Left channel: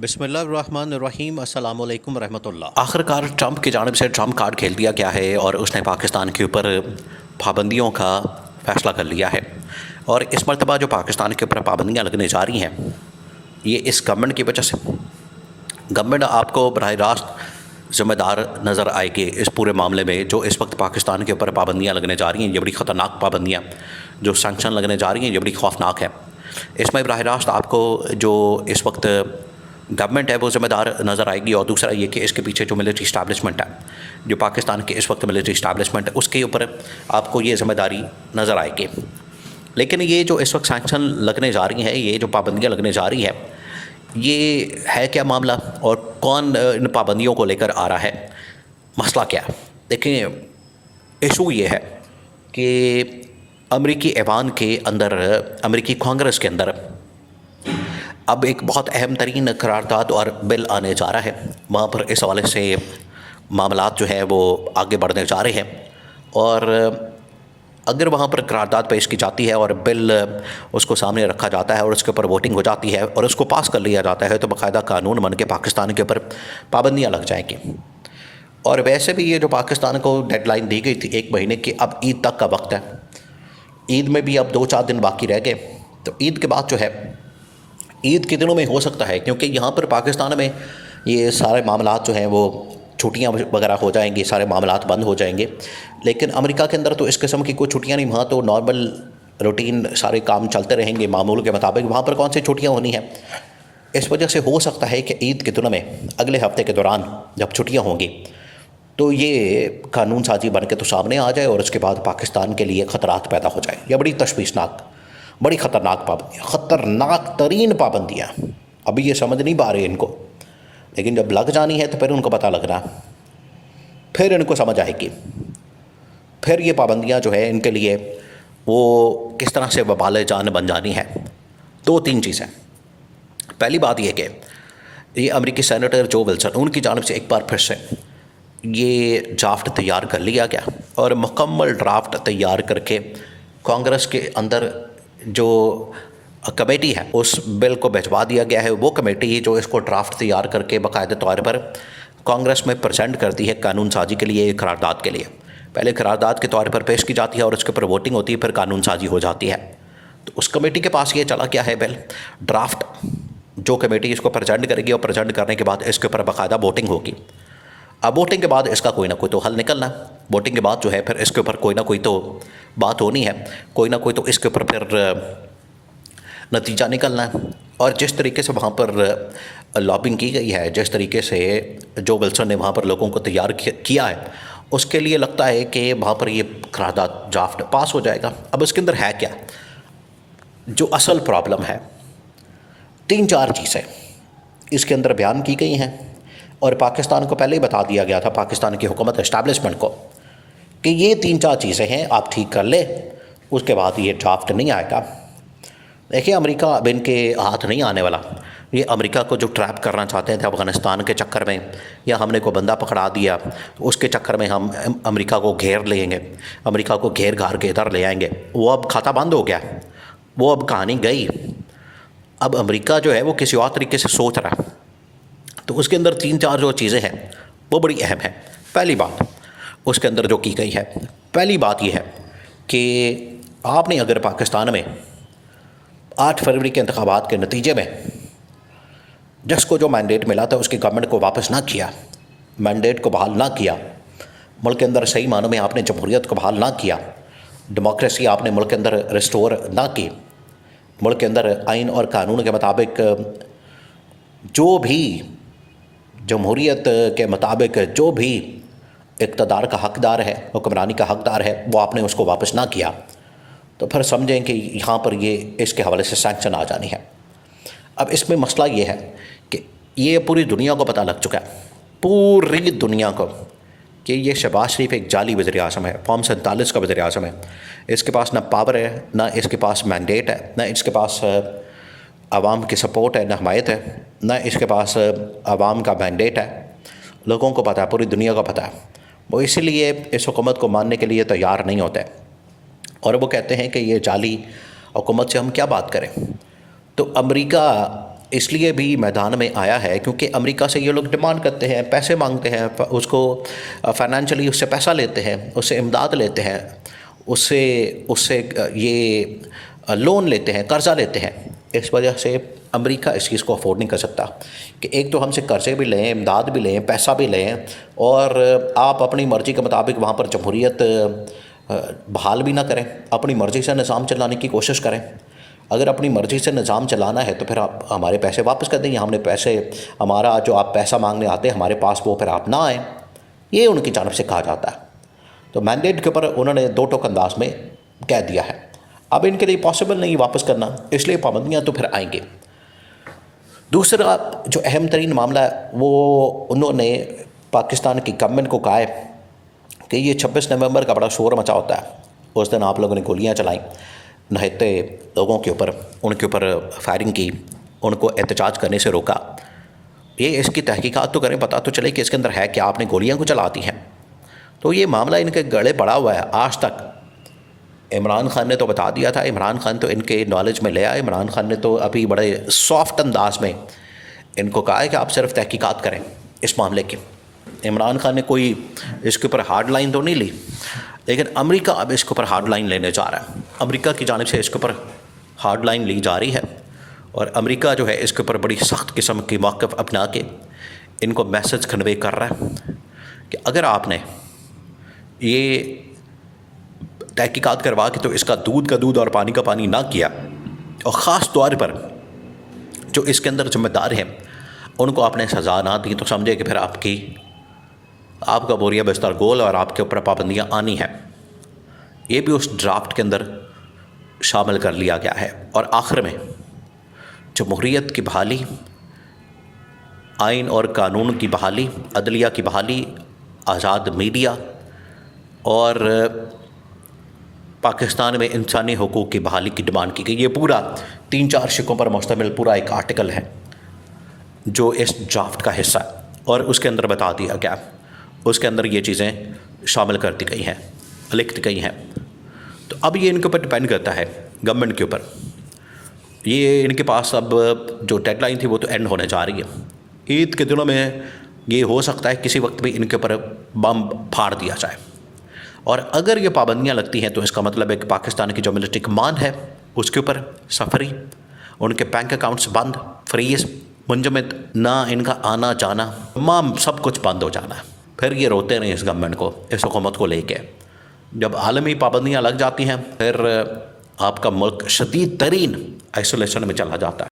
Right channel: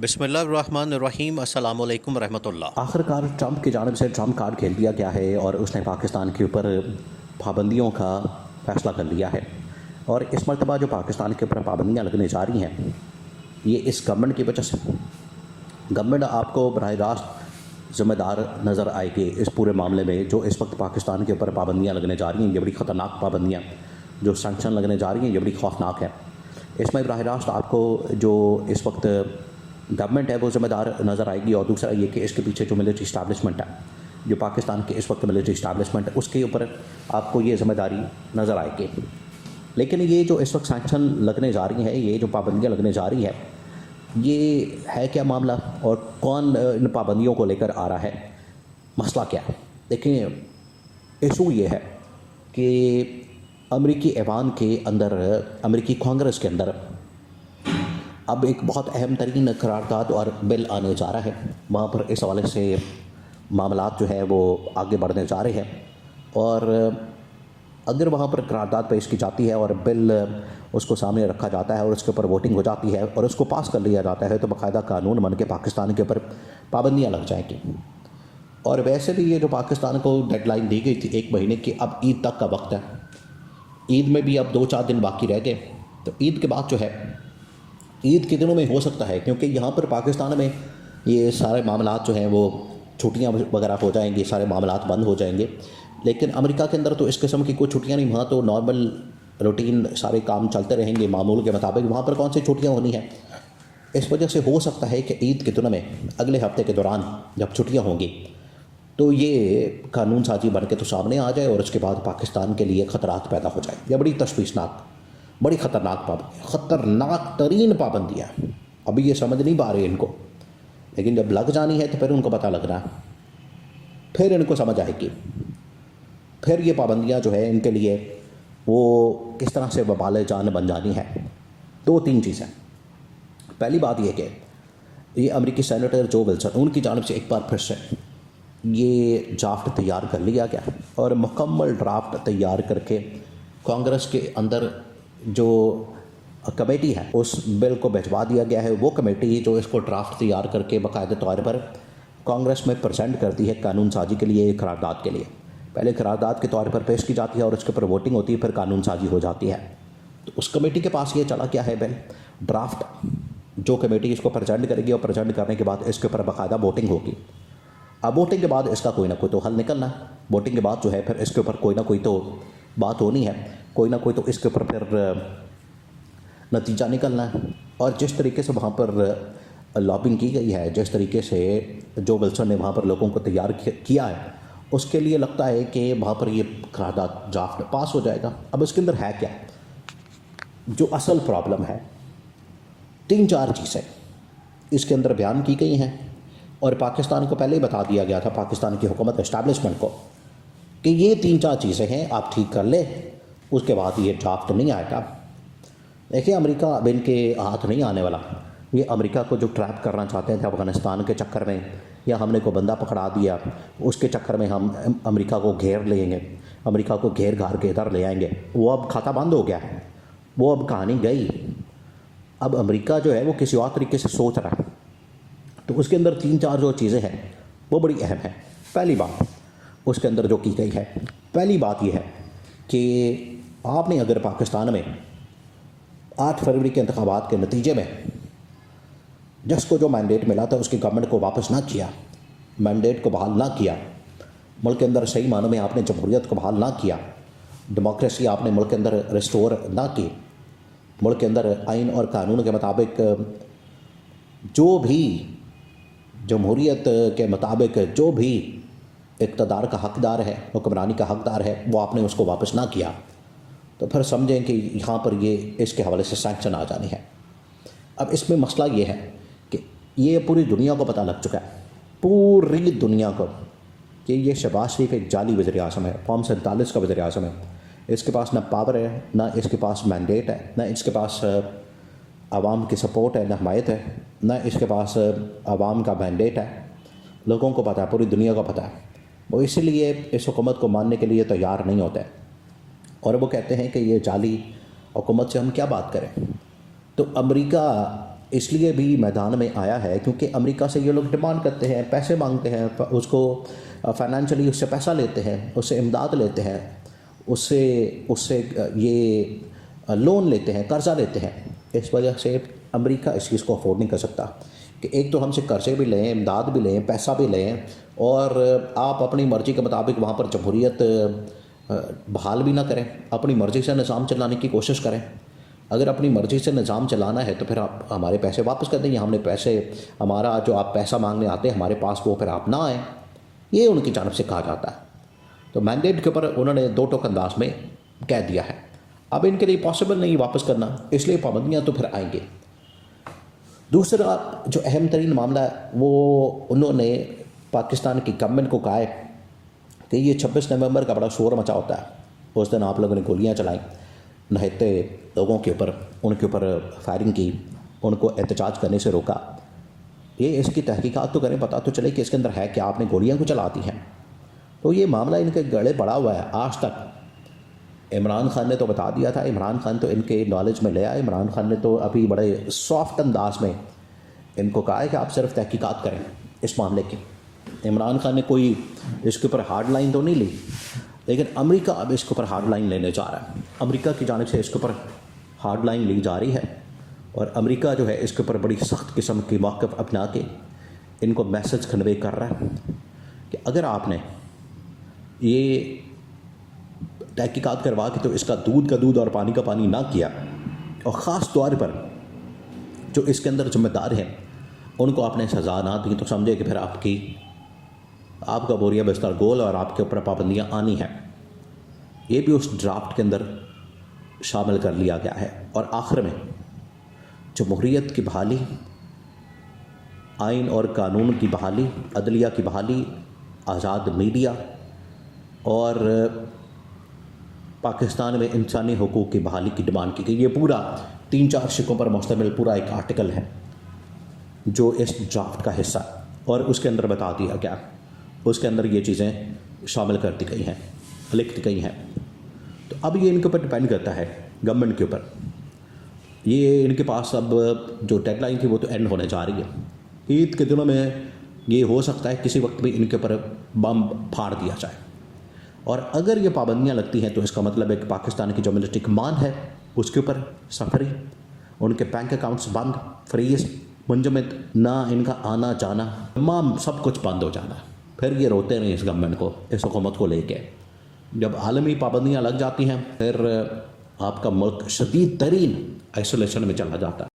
बिस्मिल्लाहिर्रहमानिर्रहीम अस्सलाम वालेकुम रहमतुल्लाह। आखिरकार ट्रंप की जानिब से ट्रंप कार्ड खेल दिया गया है और उसने पाकिस्तान के ऊपर पाबंदियों का फ़ैसला कर लिया है। और इस मरतबा जो पाकिस्तान के ऊपर पाबंदियाँ लगने जा रही हैं, ये इस गवर्नमेंट की वजह से। गवर्नमेंट आपको बराह रास्त ज़िम्मेदार नज़र आएगी इस पूरे मामले में। जो इस वक्त पाकिस्तान के ऊपर पाबंदियाँ लगने जा रही हैं, ये बड़ी ख़तरनाक पाबंदियाँ, जो सैंक्शन लगने जा रही हैं, ये बड़ी खौफनाक है। इसमें बराह रास्त आपको जो इस वक्त गवर्नमेंट है वो ज़िम्मेदार नज़र आएगी। और दूसरा ये कि इसके पीछे जो मिलिट्री इस्टेब्लिशमेंट है, जो पाकिस्तान के इस वक्त मिलिट्री इस्टेब्लिशमेंट है, उसके ऊपर आपको ये ज़िम्मेदारी नज़र आएगी। लेकिन ये जो इस वक्त सैंक्शन लगने जा रही हैं, ये जो पाबंदियाँ लगने जा रही है, ये है क्या मामला और कौन इन पाबंदियों को लेकर आ रहा है, मसला क्या है? देखिए, इशू ये है कि अमेरिकी ऐवान के अंदर, अमेरिकी कांग्रेस के अंदर अब एक बहुत अहम तरीन करारदाद और बिल आने जा रहा है। वहाँ पर इस हवाले से मामलात जो है वो आगे बढ़ने जा रहे हैं। और अगर वहाँ पर करारदाद पेश की जाती है और बिल उसको सामने रखा जाता है और उसके ऊपर वोटिंग हो जाती है और उसको पास कर लिया जाता है, तो बाकायदा कानून बन के पाकिस्तान के ऊपर पाबंदियाँ लग जाएंगी। और वैसे भी ये जो पाकिस्तान को डेडलाइन दी गई थी 1 महीने की, अब ईद तक का वक्त है। ईद में भी अब 2-4 दिन बाकी रह गए, तो ईद के बाद जो है, ईद के दिनों में हो सकता है, क्योंकि यहाँ पर पाकिस्तान में ये सारे मामलात जो हैं वो छुट्टियाँ वगैरह हो जाएंगी, सारे मामलात बंद हो जाएंगे। लेकिन अमेरिका के अंदर तो इस किस्म की कोई छुट्टियाँ नहीं, वहाँ तो नॉर्मल रूटीन सारे काम चलते रहेंगे मामूल के मुताबिक। वहाँ पर कौन सी छुट्टियाँ होनी है? इस वजह से हो सकता है कि ईद के दिनों में, अगले हफ्ते के दौरान जब छुट्टियाँ होंगी, तो ये कानून साजी बन के तो सामने आ जाए और उसके बाद पाकिस्तान के लिए ख़तरात पैदा हो जाए। यह बड़ी तशवीशनाक, बड़ी ख़तरनाक पाबंदियाँ, ख़तरनाक तरीन पाबंदियाँ। अभी ये समझ नहीं पा रहे इनको, लेकिन जब लग जानी है तो फिर उनको पता लगना, फिर इनको समझ आएगी। फिर ये पाबंदियाँ जो है इनके लिए वो किस तरह से वबाल जान बन जानी है। 2-3 चीज़ें। पहली बात यह कि ये अमेरिकी सेनेटर जो विल्सन, उनकी जानिब से एक बार फिर से ये ड्राफ्ट तैयार कर लिया गया और मुकम्मल ड्राफ्ट तैयार करके कांग्रेस के अंदर जो कमेटी है उस बिल को भिजवा दिया गया है। वो कमेटी जो इसको ड्राफ्ट तैयार करके बाकायदा तौर पर कांग्रेस में प्रेजेंट करती है कानून साजी के लिए, करारदाद के लिए। पहले करारदाद के तौर पर पेश की जाती है और उसके ऊपर वोटिंग होती है, फिर कानून साजी हो जाती है। तो उस कमेटी के पास ये चला क्या है बिल, ड्राफ्ट। जो कमेटी इसको प्रेजेंट करेगी और प्रेजेंट करने के बाद इसके ऊपर बाकायदा वोटिंग होगी। अब वोटिंग के बाद इसका कोई ना कोई तो हल निकलना। वोटिंग के बाद जो है फिर इसके ऊपर कोई ना कोई तो बात होनी है, कोई ना कोई तो इसके ऊपर फिर नतीजा निकलना है। और जिस तरीके से वहाँ पर लॉबिंग की गई है, जिस तरीके से जो विल्सन ने वहाँ पर लोगों को तैयार किया है, उसके लिए लगता है कि वहाँ पर ये करारदाद ड्राफ्ट पास हो जाएगा। अब इसके अंदर है क्या, जो असल प्रॉब्लम है, 3-4 चीज़ें इसके अंदर बयान की गई हैं और पाकिस्तान को पहले ही बता दिया गया था, पाकिस्तान की हुकूमत इस्टेब्लिशमेंट को, कि ये 3-4 चीज़ें हैं, आप ठीक कर ले, उसके बाद ये ड्राफ्ट नहीं आएगा। देखिए, अमेरिका अब इनके हाथ नहीं आने वाला। ये अमेरिका को जो ट्रैप करना चाहते थे अफ़गानिस्तान के चक्कर में, या हमने को बंदा पकड़ा दिया उसके चक्कर में हम अमेरिका को घेर लेंगे, अमेरिका को घेर घार के इधर ले आएंगे, वो अब खाता बंद हो गया, वो अब कहानी गई। अब अमेरिका जो है वो किसी और तरीके से सोच रहा है। तो उसके अंदर 3-4 जो चीज़ें हैं वो बड़ी अहम है। पहली बात उसके अंदर जो की गई है, पहली बात यह है कि आपने अगर पाकिस्तान में 8 फरवरी के इंतखाबात के नतीजे में जिसको जो मैंडेट मिला था उसकी गवर्नमेंट को वापस ना किया, मैंडेट को बहाल ना किया, मुल्क के अंदर सही मानों में आपने जमहूरियत को बहाल ना किया, डेमोक्रेसी आपने मुल्क के अंदर रिस्टोर ना की, मुल्क के अंदर आइन और कानून के मुताबिक जो भी जमहूरियत के मुताबिक जो भी इक़्तिदार का हक़दार है, हुक्मरानी का हक़दार है, वो आपने उसको वापस ना किया, तो फिर समझें कि यहाँ पर ये इसके हवाले से सैंक्शन आ जानी है। अब इसमें मसला ये है कि ये पूरी दुनिया को पता लग चुका है, पूरी दुनिया को, कि ये शहबाज शरीफ एक जाली वज़ीर-ए-आज़म है, फॉर्म 47 का वज़ीर-ए-आज़म है। इसके पास ना पावर है, ना इसके पास मैंडेट है, ना इसके पास आवाम की सपोर्ट है, ना हमायत है, ना इसके पास आवाम का मैंडेट है। लोगों को पता है, पूरी दुनिया को पता है। वो इसीलिए इस हुकूमत को मानने के लिए तैयार नहीं होते और वो कहते हैं कि ये जाली हुकूमत से हम क्या बात करें। तो अमेरिका इसलिए भी मैदान में आया है क्योंकि अमेरिका से ये लोग डिमांड करते हैं, पैसे मांगते हैं, उसको फाइनेंशियली उससे पैसा लेते हैं, उससे इमदाद लेते हैं, उससे उससे ये लोन लेते हैं, कर्ज़ा लेते हैं। इस वजह से अमेरिका इस चीज़ को अफोर्ड नहीं कर सकता कि एक तो हमसे कर्ज़े भी लें, इमदाद भी लें, पैसा भी लें और आप अपनी मर्ज़ी के मुताबिक वहाँ पर जमहूरियत बहाल भी ना करें, अपनी मर्ज़ी से निज़ाम चलाने की कोशिश करें। अगर अपनी मर्ज़ी से निज़ाम चलाना है तो फिर आप हमारे पैसे वापस कर दें, हमने पैसे, हमारा जो आप पैसा मांगने आते हैं हमारे पास, वो फिर आप ना आएँ, ये उनकी जानिब से कहा जाता है। तो मैंडेट के ऊपर उन्होंने दो टोक अंदाज में कह दिया है। अब इनके लिए पॉसिबल नहीं वापस करना, इसलिए पाबंदियाँ तो फिर आएंगी। दूसरा जो अहम तरीन मामला है वो उन्होंने पाकिस्तान की गवर्नमेंट को कहा है कि ये 26 नवंबर का बड़ा शोर मचा होता है, उस दिन आप लोगों ने गोलियां चलाई, नहते लोगों के ऊपर, उनके ऊपर फायरिंग की, उनको एहतजाज करने से रोका। ये इसकी तहकीकात तो करें, पता तो चले कि इसके अंदर है कि आपने गोलियां को चलाती हैं। तो ये मामला इनके गले पड़ा हुआ है आज तक। इमरान खान ने तो बता दिया था, इमरान खान तो इनके नॉलेज में ले आए। इमरान खान ने तो अभी बड़े सॉफ्ट अंदाज में इनको कहा है कि आप सिर्फ तहकीकात करें इस मामले की। इमरान खान ने कोई इसके ऊपर हार्ड लाइन तो नहीं ली, लेकिन अमेरिका अब इसके ऊपर हार्ड लाइन लेने जा रहा है। अमेरिका की जानिब से इसके ऊपर हार्ड लाइन ली जा रही है और अमेरिका जो है इसके ऊपर बड़ी सख्त किस्म की मौक़िफ़ अपना के इनको मैसेज कन्वे कर रहा है कि अगर आपने ये तहकीकात करवा के तो इसका दूध का दूध और पानी का पानी ना किया, और ख़ास तौर पर जो इसके अंदर ज़िम्मेदार हैं उनको आपने सज़ा ना दी, तो समझे कि फिर आपका बोरिया बिस्तर गोल और आपके ऊपर पाबंदियाँ आनी हैं। ये भी उस ड्राफ्ट के अंदर शामिल कर लिया गया है। और आखिर में जमहूरियत की बहाली, आइन और कानून की बहाली, अदलिया की बहाली, आज़ाद मीडिया और पाकिस्तान में इंसानी हुकूक़ की बहाली की डिमांड की गई। ये पूरा 3-4 शिकों पर मुश्तमिल पूरा एक आर्टिकल है जो इस ड्राफ्ट का हिस्सा है और उसके अंदर बता दिया गया, उसके अंदर ये चीज़ें शामिल कर दी गई हैं, लिख दी गई हैं। तो अब ये इनके ऊपर डिपेंड करता है गवर्नमेंट के ऊपर। ये इनके पास अब जो डेडलाइन थी वो तो एंड होने जा रही है। ईद के दिनों में ये हो सकता है किसी वक्त भी इनके ऊपर बम फाड़ दिया जाए, और अगर ये पाबंदियाँ लगती हैं तो इसका मतलब है कि पाकिस्तान की जो मिलिट्री कमान है उसके ऊपर सफरी, उनके बैंक अकाउंट्स बंद, फ्रीज, मुंजमद, ना इनका आना जाना, तमाम सब कुछ बंद हो जाना है। फिर ये रोते नहीं इस गवर्नमेंट को, इस हुकूमत को लेके। जब आलमी पाबंदियाँ लग जाती हैं फिर आपका मुल्क शदीद तरीन आइसोलेशन में चला जाता है।